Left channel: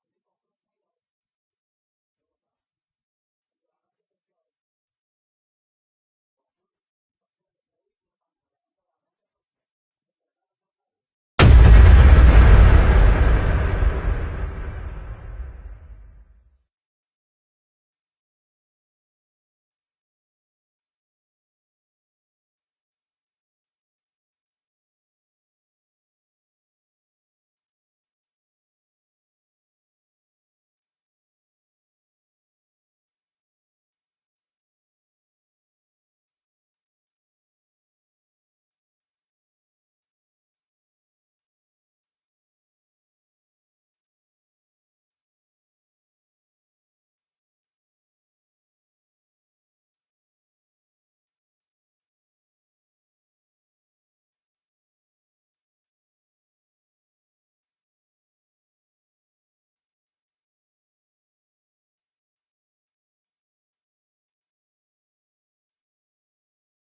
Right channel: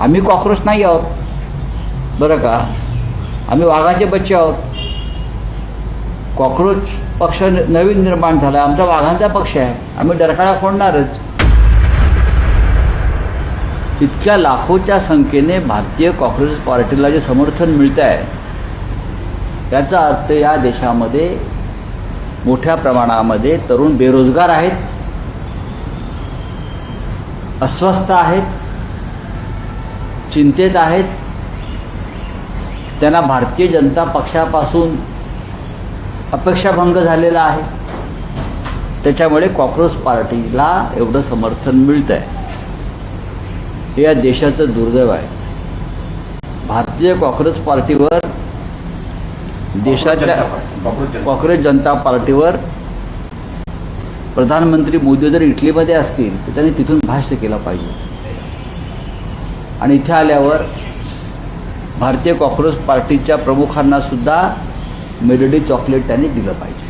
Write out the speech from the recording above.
आम्ही कॉक्रोच नाही आहोत बरं का, आम्ही वाघाचे बच्चे आहोत. कॉक्रोच पक्ष नवीन निर्माण झाला, आमचा वाघांचा पक्ष आहे, आम्ही डरकाळा फोडणारच. इतक्या लाखोच्या संख्येने भारतीय कॉक्रोच पार्टीला जे समर्थन मिळत आहे त्याचा अर्थ या देशामध्ये मोठ्या प्रमाणामध्ये तरुण बेरोजगार आहेत, अस्वस्थ आहेत, चिंतेत आहेत. त्यांना भारतीय जनता पक्षापासून अपेक्षाभंग झालेला आहे. त्याच्यामुळे कॉक्रोच पार्टीला एवढं समर्थन मिळत आहे. हे या देशाचं दुर्दैव आहे. भारतीय कॉक्रोच पार्टीवर, देशाच्या कॉक्रोच जनता पार्टीवर प्रधानमंत्री मोदी जर इटलीमध्ये असतील तर त्यांनी तिथून भाष्य केलं पाहिजे आणि इथे आल्यावर भारतीय कॉक्रोच पार्टीच्या प्रमुखांना सुद्धा मेलडी चॉकलेट त्यांनी दिलं पाहिजे.